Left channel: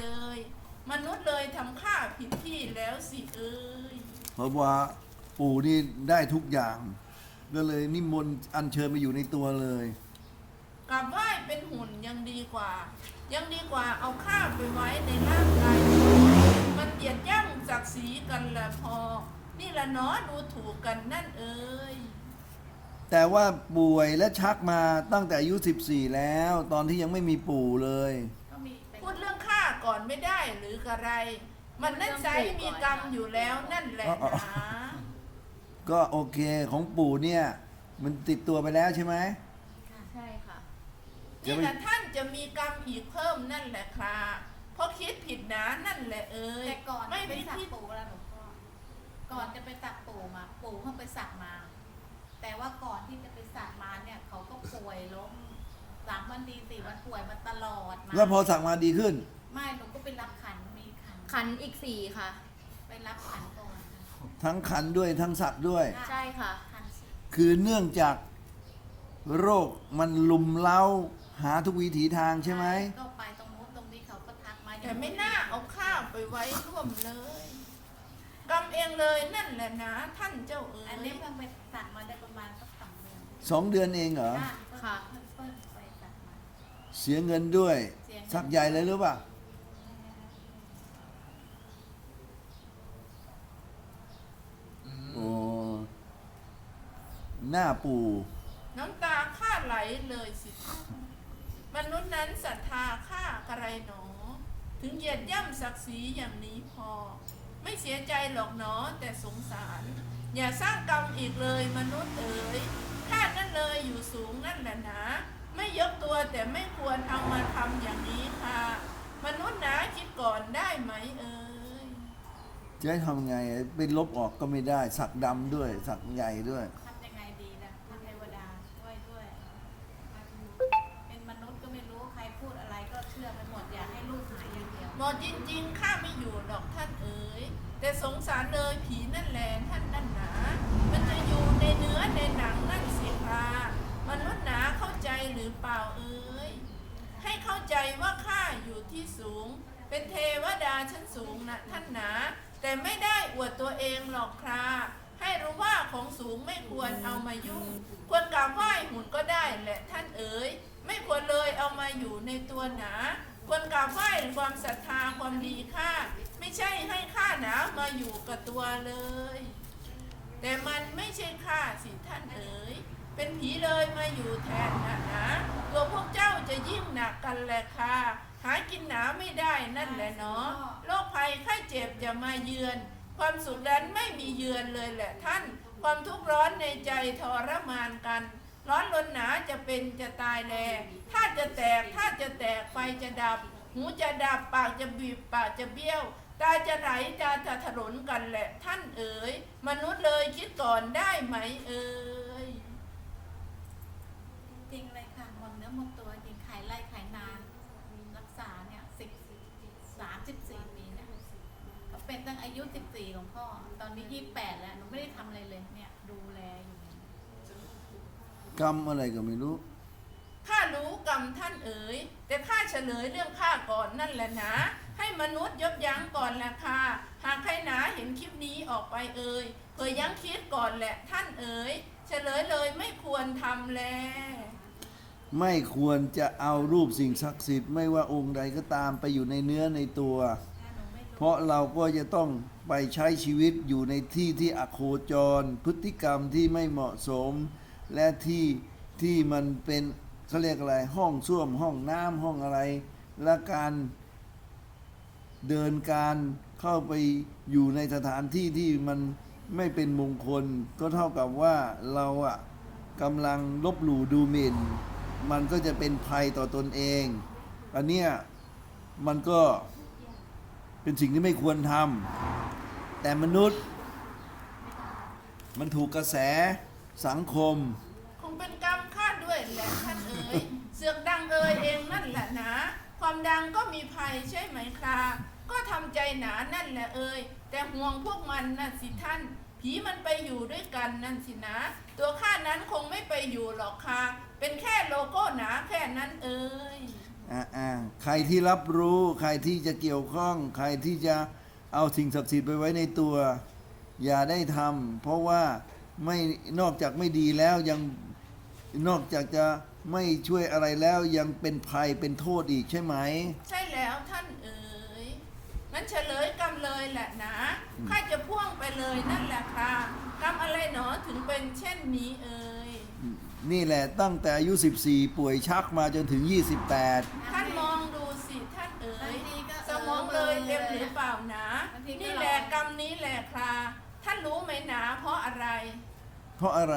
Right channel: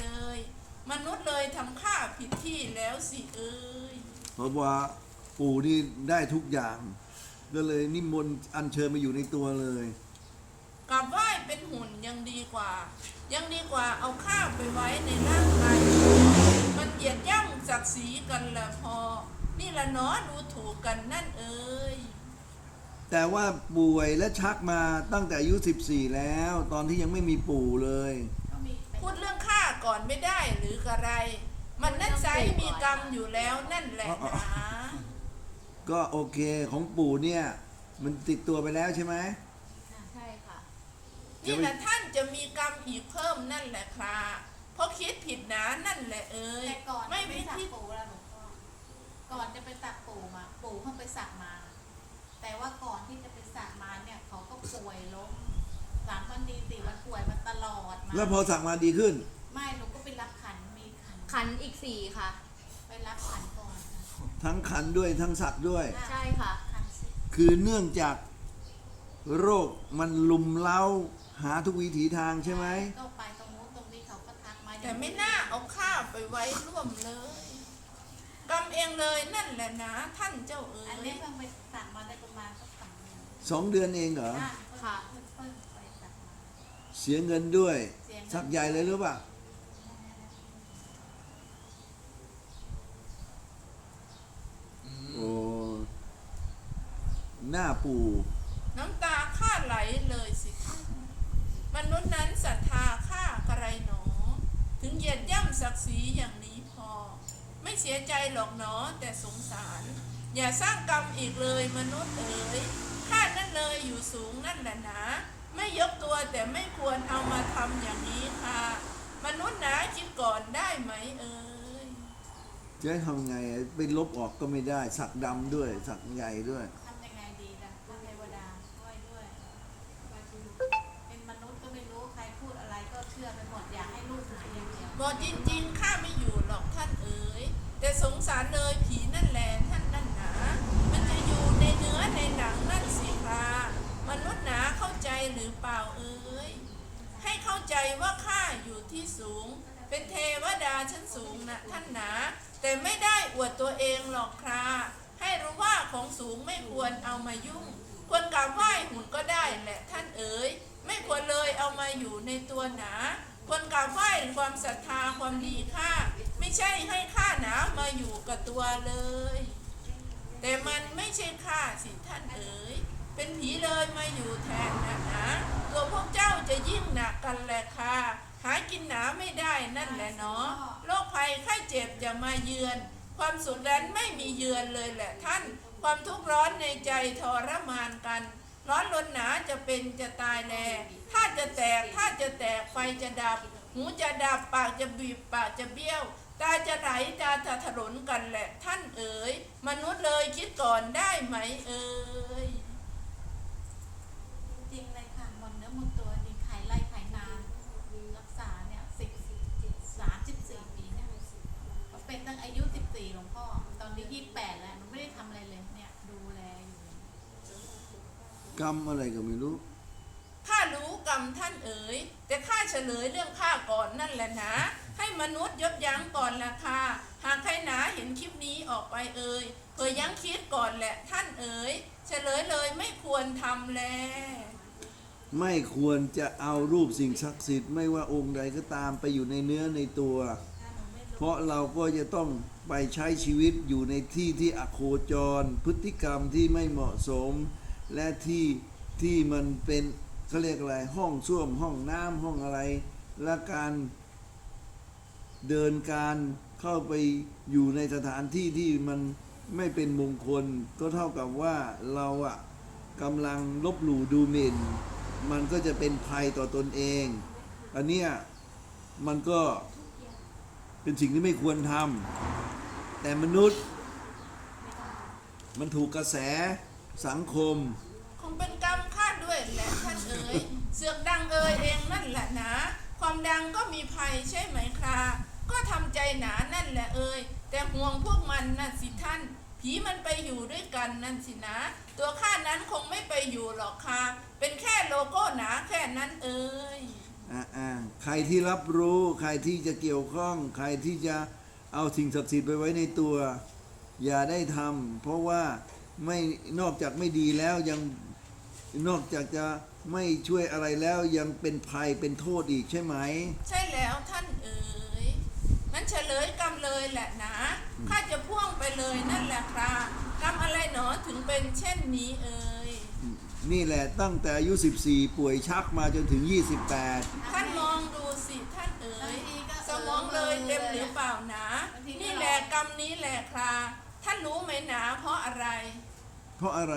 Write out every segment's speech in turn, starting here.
เลย มนุษย์เลยทำข้าผิดที่แล้วสิเอ้ยเพราะว่าปู่นี่ได้ทุกอย่าง ก็เลยนิมนต์อัญเชิญมาอยู่ในตัวเลย กลับไหว้เป็นหุ่นยังดีกว่า ยังดีกว่าเอาข้าไปไว้ในร่างกายมันเหยียดย่ำศักดิ์ศรีกันละพอ นี่ละเนาะดูถูกกันนั่นเอ้ยแต่ว่าป่วยและชักมาตั้งแต่อายุ 14 แล้ว ตอนที่ยังไม่มีปู่เลยก็มีพูดเรื่องข้า ก่อนไม่ได้หรือกระไร มันนั่นไซมีกรรมอยู่แล้วนั่นแหละนะก็โอเคของปู่เนี่ย มันติดตัวไปแล้วใช่ไหมใช่ค่ะนี่แหละท่านจะมีกรรมอีกเพิ่มนั่นแหละครับเพราะคิดผิดนะนั่นแหละเอ้ยแต่ก่อนไม่ไปสักปู่แล้วหลวงพ่อก่อนจะไปสักปู่มาปู่เขาไปสักมา แต่ว่าก่อนที่จะไปสักมาเนี่ยเขาก็ป่วยล้มสามวันดีสี่วันป่วยมาตลอดมาแล้วพอสั่งมาดีขึ้น ไม่หนูก็ไปรับขันมีขันขันอีกสี่ค่ะ ไปรับขันก่อนทั้งขันด้วยทั้งสักด้วย ใช่ค่ะ ขันสิคือเนื่องจากโรคมันลุมเล้าหาทุกวิถีทางใช่ไหมก็ไปตรงนู้นตรงนี้เขาก็ทักมาแต่ไม่น่าเอาข้าไปไว้ร่วมเลยกรรมเองเลยนั่นแหละนะ ท่านเจ้าเอ๋อันยนี้เพิ่งไปสักมาได้ประมาณสักสองเดือนสองเดือนเองเหรอ ค่ะ เพิ่งค่ะเพิ่งเพิ่งไปสักมา เสียเงินด้วย เสียเงิน สักใหญ่เลยหรือเปล่าโอ้หน้าปู่น้ำตาข้าไหลเลยสิท่านมนุษย์นั้นศรัทธาข้ากระไรหนอ ถึงเหยียดย่ำศักดิ์ศรีอย่างนี้พอ ไม่เสียใจหรอกหนอแต่สงสาร อย่าสร้างกรรมอีกเลยมนุษย์เอ๋ยข้านั่นเลยอยู่สูงนั่นแหละนะ ไม่ยกตัวแต่ไม่ควรเอามาทำอย่างนี้ค่ะ มนุษย์นะคิดก่อนได้ไหมเอ่ย จะให้ทำไงเป็นลบออกก็ไม่ได้ สักดำด้วย สักใหญ่ด้วย ทำยังไงดีล่ะคุณเทวดาช่วยด้วยเป็นมนุษย์ก็ไม่รู้ใครพูดอะไรก็เชื่อไปหมดอยากให้ลูกหายอย่างเดียว บอกจริงๆ ข้าไม่อยู่หรอกท่านเอ๋ย แต่สงสารเลยผีนั่นแหละท่านนั่นหนา มันจะอยู่ในเนื้อในหนังนั่นสิค่ะมนุษย์หนาเข้าใจหรือเปล่าเอ๋ย ให้เข้าใจว่าข้าอยู่ที่สูง เป็นเทวดาชั้นสูงนะท่านหนา แต่ไม่ได้อวดตัวเองหรอกค่ะให้รู้ว่าของสูงไม่ควรเอามายุ่ง ควรกราบไหว้หุ่นก็ได้แหละท่านเอ๋ย ไม่ควรเลยเอามาอยู่ในตัวหนา ควรกราบไหว้ความศรัทธาความดีค่า ไม่ใช่ให้ข้าหนามาอยู่กับตัวเลย แต่มันไม่ใช่ข้าสิท่านเอ๋ย เป็นผีเลยมาอยู่แทนนะนะตัวพวกเจ้าจะยิ่งหนักกันแหละค่ะ หากินหนาไม่ได้นั่นแหละเนาะโรคภัยไข้เจ็บจะมาเยือน ความสุขนั้นไม่มีเยือนเลยแหละท่าน ความทุกข์ร้อนในใจทรมานกัน ร้อนรนหนาจะเป็นจะตายแลถ้าจะแตกถ้าจะแตกไฟจะดับ หูจะดับปากจะบีบปากจะเบี้ยวตาจะไหลตาจะถลนกันแหละท่านเอ๋ย มนุษย์เลยคิดก่อนได้ไหมเอ๋ย จริงเลยค่ะหมดเนื้อหมดตัวจริงขายไร่ขายนารักษาเนี่ยสิบสามสิบสี่ปีเนี่ยก็ เป็นตั้งอายุสิบสี่หลวงพ่อ ตอนนี้ยี่แปดแล้วหนูไม่ได้ทำอะไรเลยเนี่ย ดูแลอยู่กรรมอะไรก็ไม่รู้ ข้ารู้กรรมท่านเอ๋ย แต่ข้าเฉลยเรื่องข้าก่อนนั่นแหละนะ ให้มนุษย์ยบยั้งก่อนละค่ะหากใครหนาเห็นคลิปนี้ออกไปเอ่ยเผยยั้งคิดก่อนแหละท่านเอ๋ย เฉลยเลยไม่ควรทำแล ไม่ควรจะเอารูปสิ่งศักดิ์สิทธิ์ไม่ว่าองค์ใดก็ตามไปอยู่ในเนื้อในตัวถ้าหนูไม่รู้ เพราะเราก็จะต้องไปใช้ชีวิตอยู่ในที่ที่อโคจร พฤติกรรมที่ไม่เหมาะสม และที่ที่มันเป็นเขาเรียกอะไรห้องส้วมห้องน้ำห้องอะไร และการเดินการเข้าไปอยู่ในสถานที่ที่มันไม่เป็นมงคล ก็เท่ากับว่าเราอะกำลังลบหลู่ดูหมิ่น มันก็จะเป็นภัยต่อตนเอง อันเนี้ยมันก็ เป็นสิ่งที่ไม่ควรทำแต่มนุษย์ มันถูกกระแสสังคม คงเป็นกรรมข้าด้วยแหละท่านเอ๋ยเสือกดังเอ๋ยเองนั่นแหละนะ ความดังก็มีภัยใช่ไหมครับก็ทำใจหนานั่นแหละเอ๋ยแต่ห่วงพวกมันนั่นสิท่านผีมันไปอยู่ด้วยกันนั่นสินะ ตัวข้านั้นคงไม่ไปอยู่หรอกค่ะ เป็นแค่โลโก้หนาแค่นั้นเอ๋ย ใครที่รับรู้ใครที่จะเกี่ยวข้อง ใครที่จะเอาสิ่งศักดิ์สิทธิ์ไปไว้ในตัว อย่าได้ทำเพราะว่าไม่นอกจากไม่ดีแล้วยังนอกจากจะไม่ช่วยอะไรแล้วยังเป็นภัยเป็นโทษอีกใช่ไหม ใช่แล้วท่านเอ๋ยมันเฉลยกรรมเลยแหละนะข้าจะพ่วงไปเลยนั่นแหละค่ะกรรมอะไรหนอถึงเป็นเช่นนี้เอ๋ย นี่แหละตั้งแต่อายุ 14 ป่วยชักมาจนถึง 28 ท่านมองดูสิท่านเอ๋บางยทีก็สมองเลยเต็มหรือเปล่านะบางทีก็นี่แหละกรรมนี้แหละค่ะท่านรู้ไหมหนาเพราะอะไร เพราะอะไร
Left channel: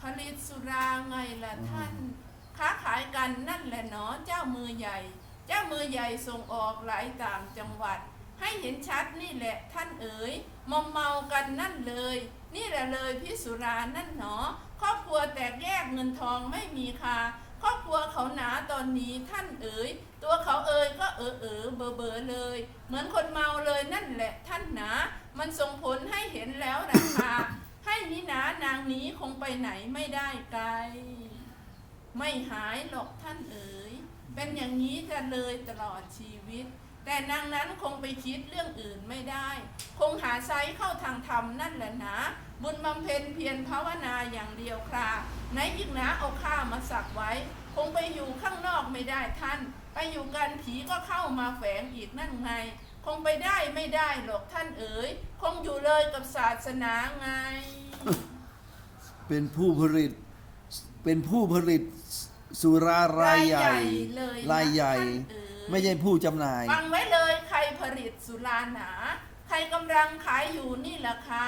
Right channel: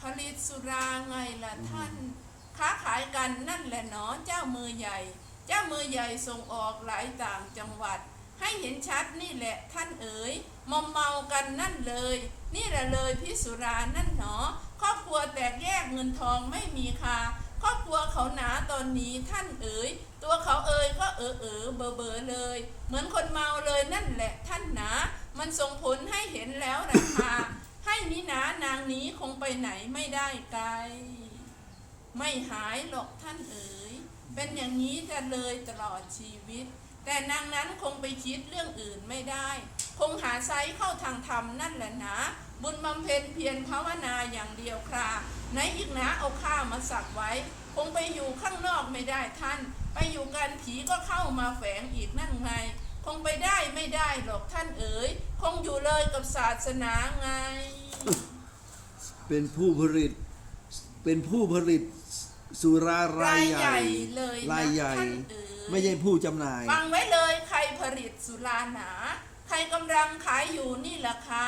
ผลิตสุราไงล่ะท่าน ค้าขายกันนั่นแหละเนาะเจ้ามือใหญ่ เจ้ามือใหญ่ส่งออกหลายต่างจังหวัด ให้เห็นชัดนี่แหละท่านเอ๋ยมอมเมากันนั่นเลย นี่แหละเลยพิสุรานั่นเนาะ ครอบครัวแตกแยกเงินทองไม่มีค่าครอบครัวเขาหนาตอนนี้ท่านเอ๋ย ตัวเขาเอ๋ยก็เออเออเบอเบอเลย เหมือนคนเมาเลยนั่นแหละท่านหนา มันส่งผลให้เห็นแล้วราคาให้นิหนานางนี้คงไปไหนไม่ได้ไกล ไม่หายหรอกท่านเอ๋ย เป็นอย่างนี้กันเลยตลอดชีวิต แต่นางนั้นคงไปคิดเรื่องอื่นไม่ได้ คงหาไซเข้าทางธรรมนั่นแหละนะบุญบำเพ็ญเพียรภาวนาอย่างเดียวคราไหนอีกนะเอาข้ามาสักไว้ คงไปอยู่ข้างนอกไม่ได้ท่าน ไปอยู่กันผีก็เข้ามาแฝงอีกนั่นไงคงไปได้ไม่ได้หรอกท่านเอ๋ย คงอยู่เลยกับศาสนาไง เป็นผู้ผลิต เป็นผู้ผลิตสุรารายใหญ่เลยนะรายใหญ่ท่านเอ๋ยไม่ใช่ผู้จำหน่าย ฟังไว้เลยใครผลิตสุราหนา ใครกำลังขายอยู่นี่ราคา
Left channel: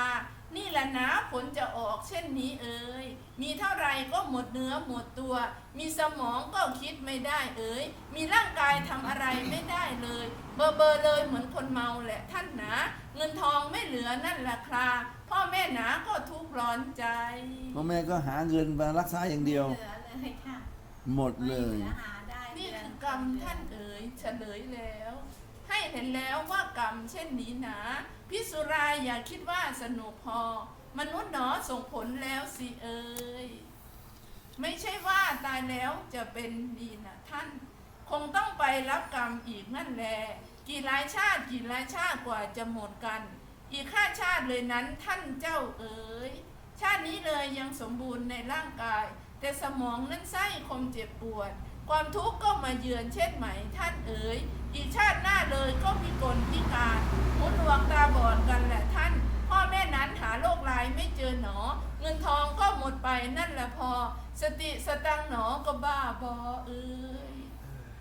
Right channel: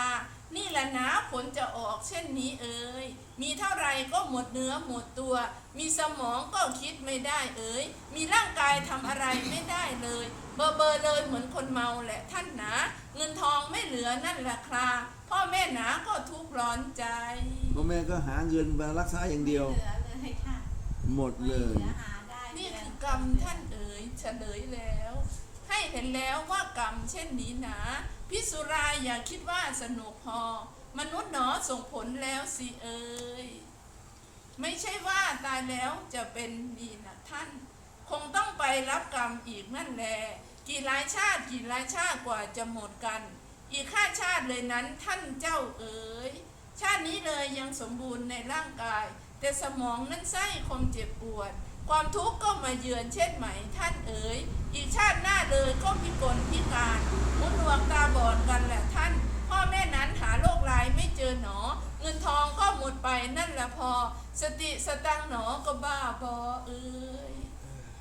นี่แหละนะผลจะออกเช่นนี้เอ่ย มีเท่าไรก็หมดเนื้อหมดตัว มีสมองก็คิดไม่ได้เอ่ย มีร่างกายทำอะไรไม่ได้เลย เบอร์เบอร์เลยเหมือนคนเมาแหละท่านหนาเงินทองไม่เหลือนั่นแหละคราพ่อแม่หนาก็ทุกข์ร้อนใจ พ่อแม่ก็หาเงินมารักษาอย่างเดียว เหลือเลยค่ะหมดไม่เลเหยลือหาได้นี่เดือนคือกรรมท่านเอ๋ยเฉลยแล้ว ให้เห็นแล้วว่ากรรมเช่นนี้หนาพิสุรายอย่าคิดว่าสนุกพอ มนุษย์หนอส่งผลแล้วสิเอ๋ยไม่ใช่ว่าตายแล้วจะเป็นดีนะท่าน คงต้องไปรับกรรมอีกนั่นแหละกี่หลายชาติกี่หลายชาติกว่าจะหมดกัน อีกข้าชาติเลยนั้นท่านเจ้าเอ๋ยชาตินี้เลยยังสมบูรณ์ในร่างกาย แต่สมองนั้นไส้คมเจ็บปวด ความทุกข์ก็มาเยือนเช่นไหมท่านเอ๋ย อีกชาติหน้าเลยก็พิกลพิการหูหนวกตาบอดกันแหละท่าน พ่อแม่นั้นหาโรคร้ายไม่เจอหนอ เงินทองก็หมดไปนั่นแหละพอ สติสตังหนอก็บ้าบอเอ้ย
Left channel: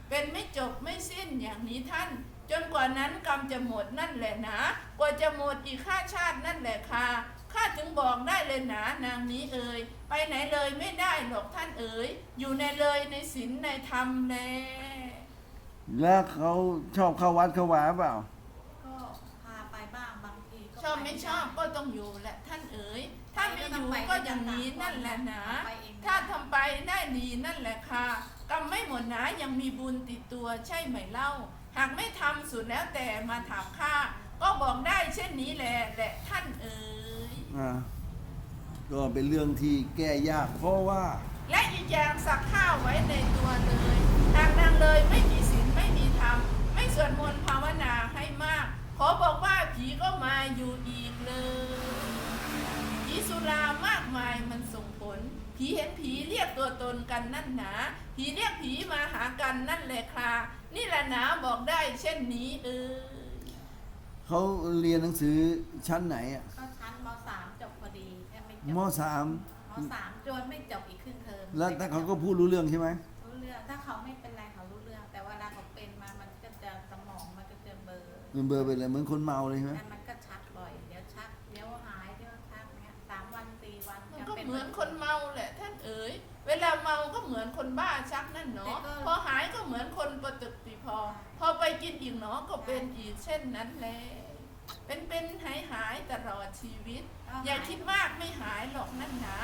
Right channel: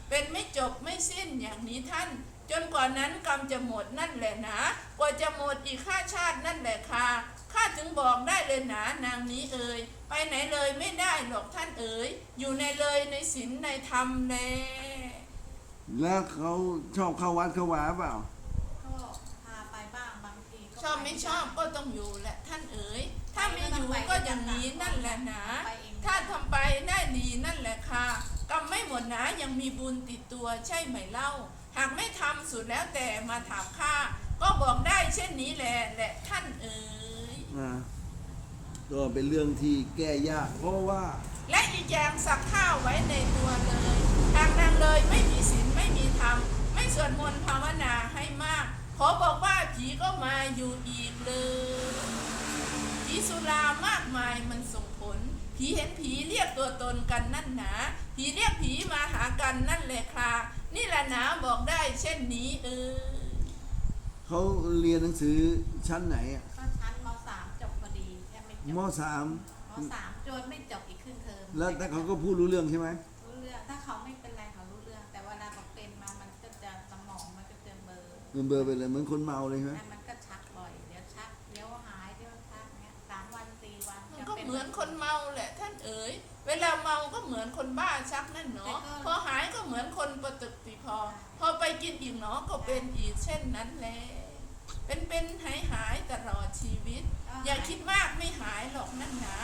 เป็นไม่จบไม่สิ้นอย่างนี้ท่าน จนกว่านั้นกรรมจะหมดนั่นแหละนะ กว่าจะหมดอีกข้าชาตินั่นแหละค่ะ ข้าถึงบอกได้เลยนะนางนี้เอ่ยไปไหนเลยไม่ได้หรอกท่านเอ๋ยอยู่ในเลยในศีลในธรรมแลแล้วเขาชอบเข้าวัดเข้าวาเปล่า ก็พาไปบ้างบางทีก็ชอบไม่ชอบก็ต้องอยู่แหละท่านเอ๋ยถ้าไม่อยู่ก็อย่างนี้นั่นแหละนะไปเองถ้าทำไปได้ดีนั่นแหละค่ะกรรมไม่หมดนะยังมีบุญติดตัวใช่ไหมเล่า หากไม่ทำสุดแล้วแต่มาถามข้าก็บอกได้เช่นนี้แหละแหละท่านเอ๋ย นะก็เป็นเรื่องที่แก้ยาก เพราะว่า และอีกอย่างสักข้าวไว้ในตัวเลยหากนางเลยไม่มีศีลไม่มีธรรมไม่สวดมนต์ภาวนาให้มาก ขอบอกว่าผีก็มาอยู่อีกเลยผีสุรามากมายมันส่งผล ผีเห็นผีเรียกตัวตนกันนั่นหนาผีเรียกผีมาหากันนั่นแหละค่ะนี่แหละหนาบอกได้เช่นนี้เออเขาเรียนหนังสือชั้นไหนอะ ก็ชั้นมสามจบพอดีแค่ไม่จบมสามมสามจนไม่จบอีกครึ่งเทอมแล้วแต่เขาก็พูดรู้เรื่องใช่ไหมรู้เรื่องถ้าเขาไม่เป็นไรเขารู้เรื่อง แต่เวลาเขาเป็นมามันก็จะสมองมันก็จะเบลอเป็นเบอร์เป็นอะไรเหมือนคนเมาเลยใช่ไหมแต่มันก็ชักบ่อยเดี๋ยวชักเดี๋ยวหายเดี๋ยวชักเนี้ยสามวันสี่วันมันจะก็ป็เหมือนคนเมาแหละท่านเอ๋ยเวลาเมาก็เหมือนคนบ้าชักนั่นเนาะพอหายก็เหมือนคนประตึกปีพอ พอไปกินอีกเนาะก็เป็นอีกเช่นนั้นแหละ เป็นเป็นหายหายตลอดชีวิต อย่าคิดมากไม่หายหรอกนั่นหนา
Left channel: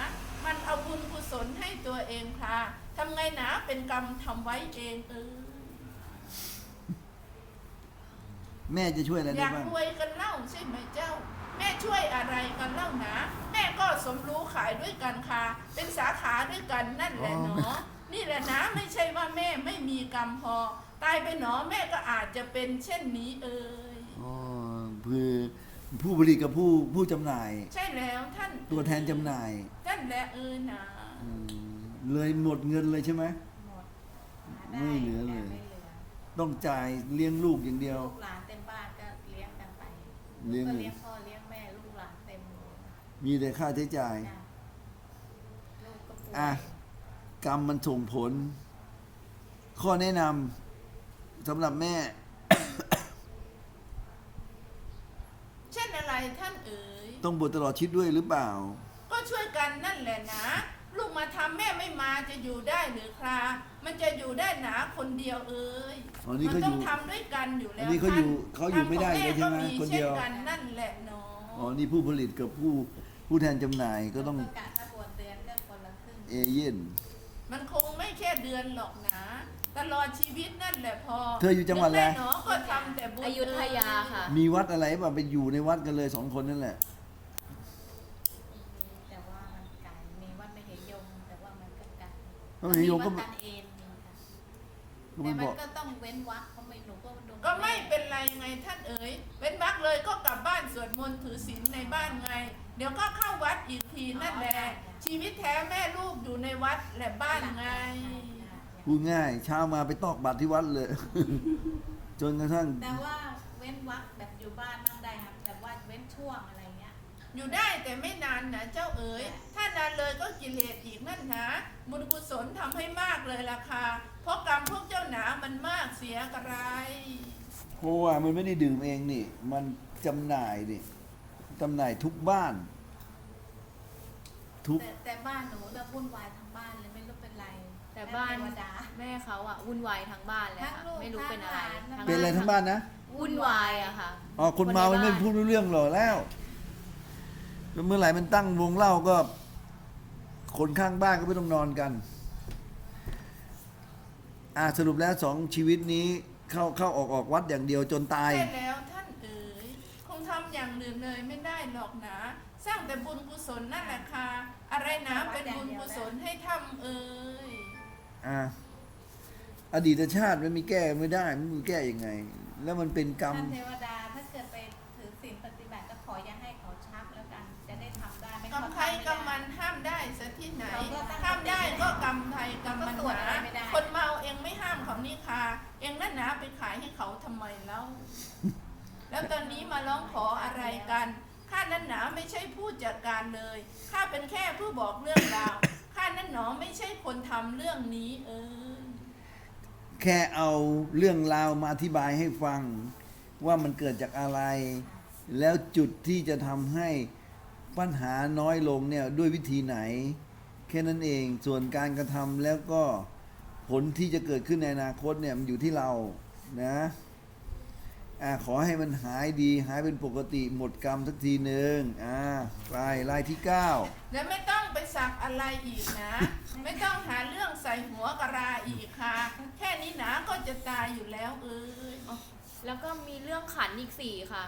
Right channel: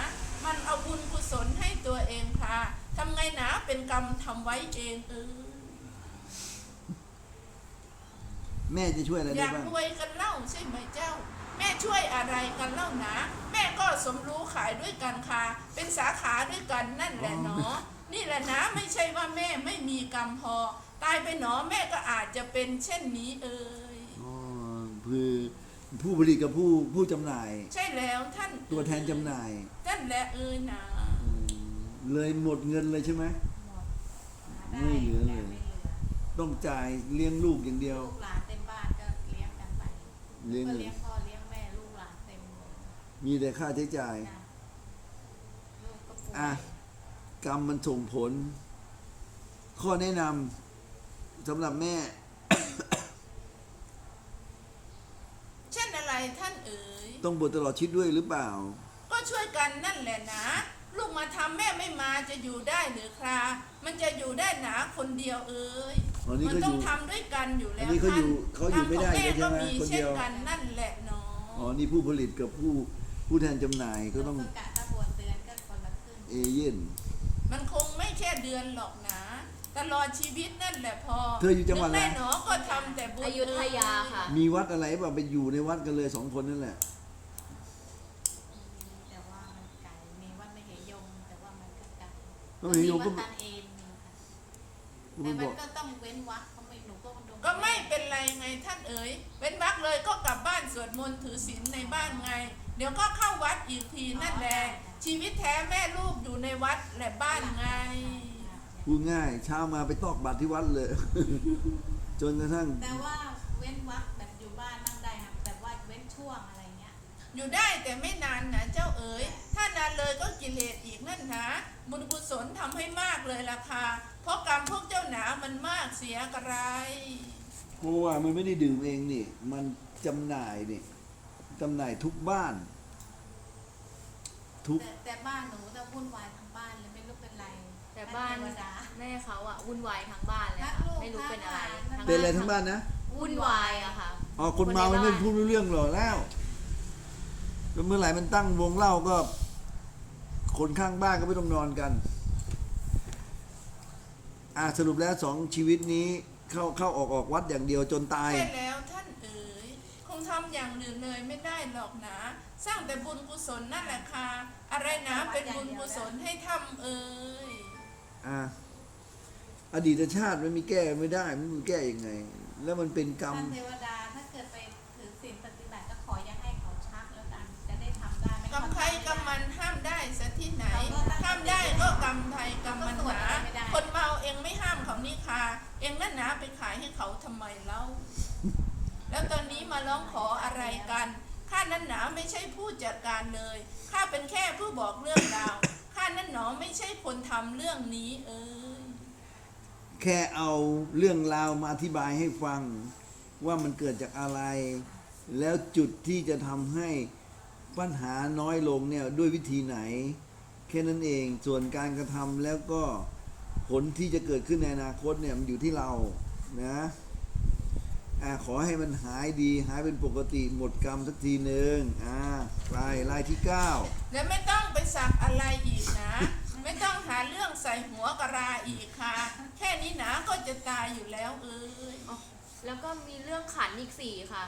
มันเอาบุญกุศลให้ตัวเองค่ะทำไงหนาเป็นกรรมทำไว้เองเออแม่จะช่วยอะไรอได้ยากบ้างรวยกันเล่าใช่ไหมเจ้า แม่ช่วยอะไรกันเล่านะแม่ก็สมรู้ขายด้วยกันค่ะ เป็นสาขาด้วยกันนั่นแหละเนาะนี่แหละนะไม่ใช่ว่าแม่ไม่มีกรรมพอ ตายไปหนอแม่ก็อาจจะเป็นเช่นนี้เอ่ยอ๋อ คือผู้ผลิตกับผู้ผู้จำหน่าย ใช่แล้วท่านตัวแทนจำหน่ายท่านแหละเอ่ยนะอืมเลยหมดเงินเลยใช่ไหม หมดไม่เหลือเลย ไม่เหลือต้องจ่ายเลี้ยงลูกอย่างเดียว ลูกหลานเต็มบ้านก็เลี้ยงกันไปเลี้ยง ก็เลี้ยงพ่อเลี้ยงแม่ลูกหลานเต็มเลยมีแต่ค่าใช้จ่าย จ้ะลูกก็ป่วยอะ กรรมมันส่งผล ข้อแนะนำสำหรับแม่ เช่นอะไรท่านเอ๋ย ต้องบวชตลอดชีวิตด้วยหรือเปล่า ก็ช่วยกันนั่นแหละนะ ลูกมาทำแม่ไม่มาจะอยู่ได้หรือครา มันจะอยู่ได้หนาคนเดียวเอ้ยอ๋อนี่มัเขาต้อองยู่ทำด้วยกันอยู่แล้อัวนนี้เขาอยู่ท่นเขาอยู่ไม่ได้ทำของเลยใช่ไหมแก็คนเดียว ช่กันนั่นแหละเนาะอ๋อนี่ผู้ผลิตกับผู้ผู้แทนจำหน่ายก็ต้องกะถ้าบวชเดือนก็คนละครึ่งเอเย่น มันคงไม่แค่เดือนหรอกนะตลอดชีวิตนั่นแหละพอเธออยู่จังหวัดอะไร แม่หนอก็ทำแต่บุญอยุธยาค่ะ มีวัดอะไรป่ะไปอยู่ในวัดกันเลยสองคนนั่นแหละ แต่ว่ามันไกลมีวัดไม่เหยงแต่ว่ามันก็ไกล ก็ไม่เหยงก็วัดตันเองมีค่ะก็แต่ไม่บมันอกก็ต้องเว้นวักเขาไม่หนูก็ดูก็ไม่เป็นไรไงท่านเอ๋ยเป็นวักเลยก็กลับบ้านสวดมนต์ถือศีลในบ้านไง เดี๋ยวก็เข้าวัดอีกทีนั่นแหละชีวิตแท้แม่ลูกอยู่ในวัดและบ้านไง พูดง่ายเช้ามาไปตอกบัตรที่วัดเลย จนกระทั่งแต่ว่าเว้นวักแบบอยู่บ้านนั่งได้ครับแต่ว่าเว้นช่วงอะไรเงี้ย อยู่ได้แต่ไม่นานนะเจ้าเอ๋ย ถ้านานเลยก็กิเลสอีกนั่นนะบุญกุศลทำให้มากเลยราคาเพราะกรรมพวกเจ้าหนามันมากเสียกระไรเพราะว่ามันไม่ได้ดื่มเองนี่ มันจำหน่ายนี่จำหน่ายทุกบ้าน ทุกแต่แต่บ้านหนูจะวุ่นวายทั้งบ้านเลยไม่รู้เป็นไรแต่บ้านเทวดาแม่เขาอะวุ่นวายทั้งบ้านเลยทั้ค่ะงลูกไม่รู้เป็นอะไรทั้งหลานเป็นอะไรทั้งบ้านนะวุ่นวายอะค่ะอ๋อคนเมามันไม่พูดรู้เรื่องหรอกแล้ว แล้วเมื่อไหร่มันตั้งวงเล่าก็ คนข้างบ้านก็ไม่ต้องนอนกัน อ่าสรุปแล้วสองชีวิตนี้เข้าเข้าออกออกวัดอย่างเดียวจนตาย ใช่แล้วท่านเอ๋ยคงทำอย่างอื่นเลยไม่ได้หรอกนะ สร้างแต่บุญกุศลนั่นแหละค่ะอะไรนะเป็นบุญกุศลให้ทำเอ๋ยอ่าอดีตชาติมันมีแก้ไม่ได้ มันมีแก้ยังไง แล้วมันเป็นกรรม ท่านเทวดา กรรมใครกรรมมันห้ามได้สัที่ไหนเขาก็ตั้งห้ามได้ก็กรรมใครกรรมมันเขาก็ตรวจหนาอะไรไม่ได้คนเมาเองไม่ห้ามเขานี่ค่ะ เองนั่นนะไปขายให้เขาทำไมเล่า แล้วตอนนี้มาร้องขออะไรกันข้านั้นหนาไม่ใช่ผู้จัดการเลยข้าเป็นแค่ผู้บอกเรื่องราวข้านั้นหนอไม่ใช่คนทำเรื่องนี้ เออ แค่เอาเรื่องราวมาอธิบายให้ฟัง ว่ามันเกิดจากอะไร แล้วจุดที่จะทำให้ ปัญหาน้อยลงเนี่ยด้วยวิธีไหน แค่นั้นเองส่วนการกระทำแล้วก็ผลที่จะเกิดขึ้นในอนาคตเนี่ยมันอยู่ที่เรานะอ่าขอให้มันหายดีหายเป็นปกติหมดกรรมสักทีหนึ่งอ่าลายลายที่เก้าและไม่ต้องไปสักอะไรอีกนะ ไม่ต้องหาเรื่องใส่หัวกระราอีกค่ะ แค่นี้นะก็จะตายอยู่แล้วเอ้ยแล้วก็มีเรื่องขันอีกสี่ค่ะ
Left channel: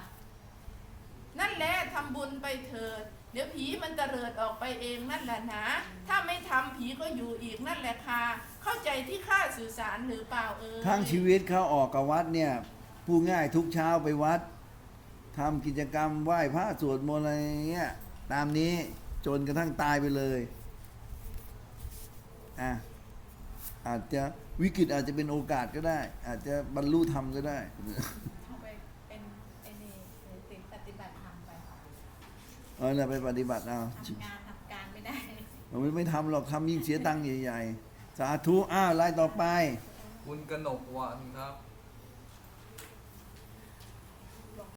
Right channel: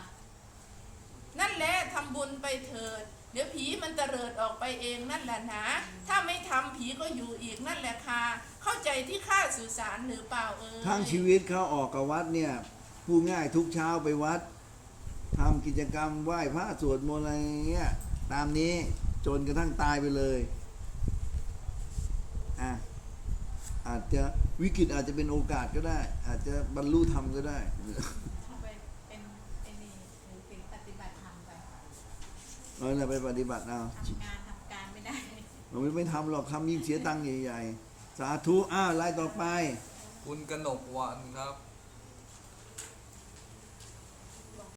นั่นแหละทำบุญไปเถิด เดี๋ยวผีมันเตลิดออกไปเองนั่นแหละนะ ถ้าไม่ทำผีก็อยู่อีกนั่นแหละค่ะ เข้าใจที่ข้าสื่อสารหรือเปล่าเอ่ยทั้งชีวิตเขาออกกับวัดเนี่ยพูดง่ายทุกเช้าไปวัดทำกิจกรรมไหว้พระสวดมนต์อะไรเงี้ยตามนี้จนกระทั่งตายไปเลยอะอาจจะวิกฤตอาจจะเป็นโอกาสก็ได้ อาจจะบรรลุธรรมก็ได้ เอาไปเป็นไอ้นี่ถือศีลปฏิบัติธรรมไป เอาละไปปฏิบัติเอาทำงานทำการไม่ได้ผมไม่ทำหรอกทำยิ่งเสียตังค์ใหญ่ๆ สาธุอ้าวไล่ต่อไป คุณกนกวันครับ